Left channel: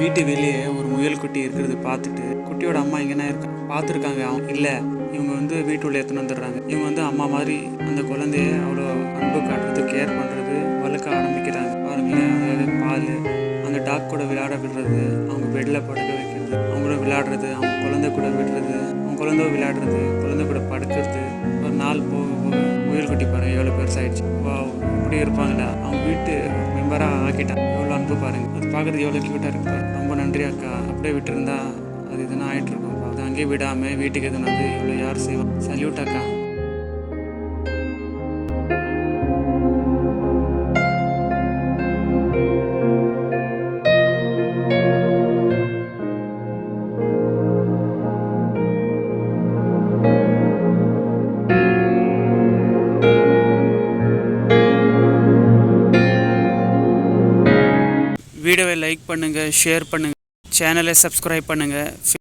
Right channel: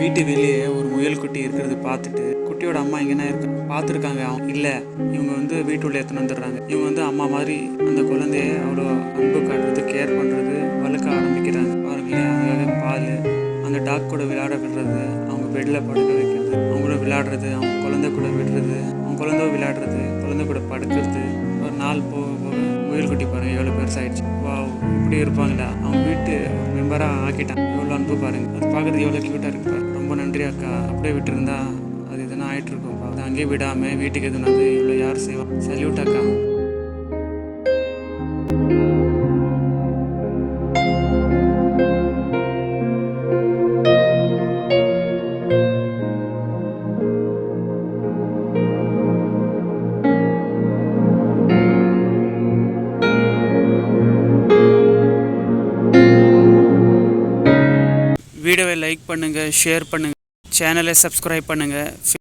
வீட்டு வெளியே ஒரு முயல் குட்டி இருக்கிறது பார்த்துட்டு குட்டியோட அம்மா எங்கன்னா இருக்க பார்த்துருக்காங்க. அவங்க இல்லை, இவங்க வந்து வீட்டுள்ள எடுத்துன்னு வந்துடுறாங்க. இவங்க வந்து அம்மா மாதிரி அந்த குழந்தைய அவ்வளோ அன்பு காட்டுறது, கேர் பண்ணுறது, வளர்க்க ஆரம்பிக்கிறாங்க. பாருங்களேன், அதாவது பால், அந்த டாக் கூட விளையாட விடுறது, அவங்க பெட்டில் படுக்க வைக்கிறது, அவங்க கூட விளையாடுறது, அவங்க குழந்தை கூட விடுறது, அவங்க குழந்தை விளையாடுறது, குழந்தை கூட படுக்கிறது. ஒரு நாள் போக போக முயல் குட்டி பாருங்கள் எவ்வளோ பெருசாகிடுச்சு. வா, இப்படி இருப்பாங்களா, அவங்க வீட்டு மெம்பராக ஆக்கிட்டான். எவ்வளோ அன்பு பாருங்கள், அது பார்க்குறதுக்கு எவ்வளோ க்யூட்டாக இருக்கு பாரு. ரொம்ப நன்றி அக்கா, அப்படியே விட்டுருந்தா அது எதுனா ஆகிட்டுருக்கோம்ப்பா. அது அங்கேயே விடாமல் வீட்டுக்கு எதுனாது இவ்வளோ யார் செய்வான். சல்யூட் அக்கா. வீடியோவை லைக் பண்ணுங்கள், ஷேர் பண்ணுங்கள், சேனலை சப்ஸ்கிரைப் பண்ணுங்கள்.